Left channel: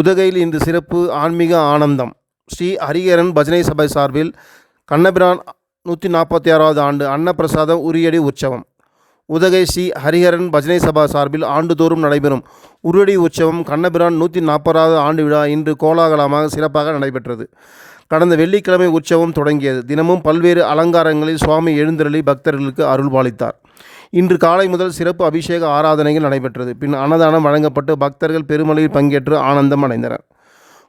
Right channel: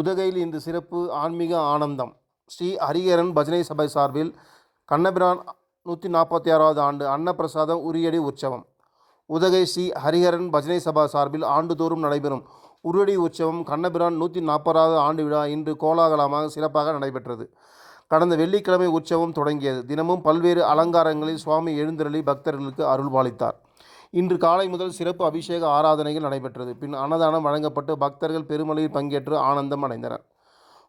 உதகையில் இன்று சிறப்பு ஆன்மீக ஆனந்தம். ஸ்ரீ ஹரிஹரன் பஜனை சபை சார்பில் கண்ணபிரான் 146வது ஆண்டு அன்னப்பிரசாதம் உரியடி உற்சவம். உதகை ஸ்ரீ ஹரிஹரன் பஜனை சபா சார்பில் ஆண்டுதோறும் நடைபெறும் உரியடி உற்சவம் கண்ணபிரான் 140வது ஆண்டு விழா இன்று கோலாகலமாக சிறப்பாக நடைபெற்றது. கடந்த வெள்ளிக்கிழமை உற்சவம் தொடங்கியது. தினமும் பல்வேறு அலங்காரங்களில் சுவாமி எழுந்தருளி பக்தர்களுக்கு அருள்பாலித்தார். இன்று காலை முதல் சிறப்பு அபிஷேக ஆராதனைகள் நடைபெற்றது. பின் அன்னதானம் வழங்கப்பட்டு பக்தர்கள் பெருமளவில் பங்கேற்று ஆனந்தம் அடைந்தனர்.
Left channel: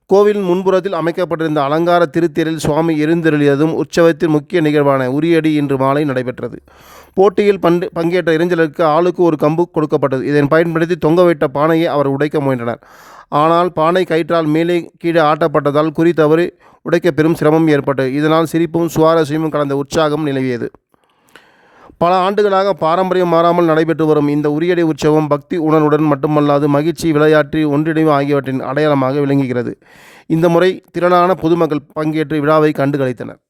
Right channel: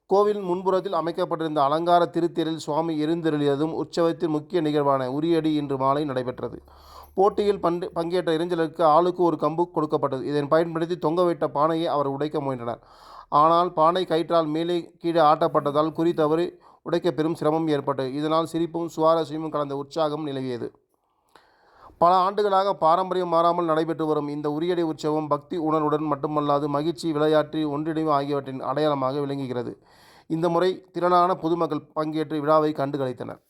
கோவிலின் முன்புறத்தில் அமைக்கப்பட்டிருந்த அலங்கார திருத்தேரில் சுவாமி எழுந்தருளியதும் உற்சவத்தின் முக்கிய நிகழ்வான உரியடி இன்று மாலை நடைபெற்றது. போட்டியில் பங்கேற்ற இளைஞர்களுக்கு ஆளுக்கு ஒரு கம்பு கொடுக்கப்பட்டது. இதனை பயன்படுத்தி தொங்க வைத்த பானையை அவர் உடைக்க முயன்றனர். ஆனால் பானை கயிற்றால் மேலே கீழே ஆட்டப்பட்டதால் குறி தவறி உடைக்க பெரும் சிரமம் ஏற்பட்டது. இதனால் சிரிப்பும் சுவாரஸ்யமும் கலந்த உற்சாகம் நிலவியது. பல ஆண்டுகளாக பாரம்பரியம் மாறாமல் நடைபெற்று வரும் இந்த உரியடி உற்சவம் பக்தி உணர்வுடன் மட்டுமல்லாது மகிழ்ச்சி, விளையாட்டு, ஒன்றிணைவு ஆகியவற்றின் அடையாளமாக விளங்குகிறது. இந்த முறை திரளான பொதுமக்கள் பங்கேற்று விழாவை கண்டு களித்தனர்.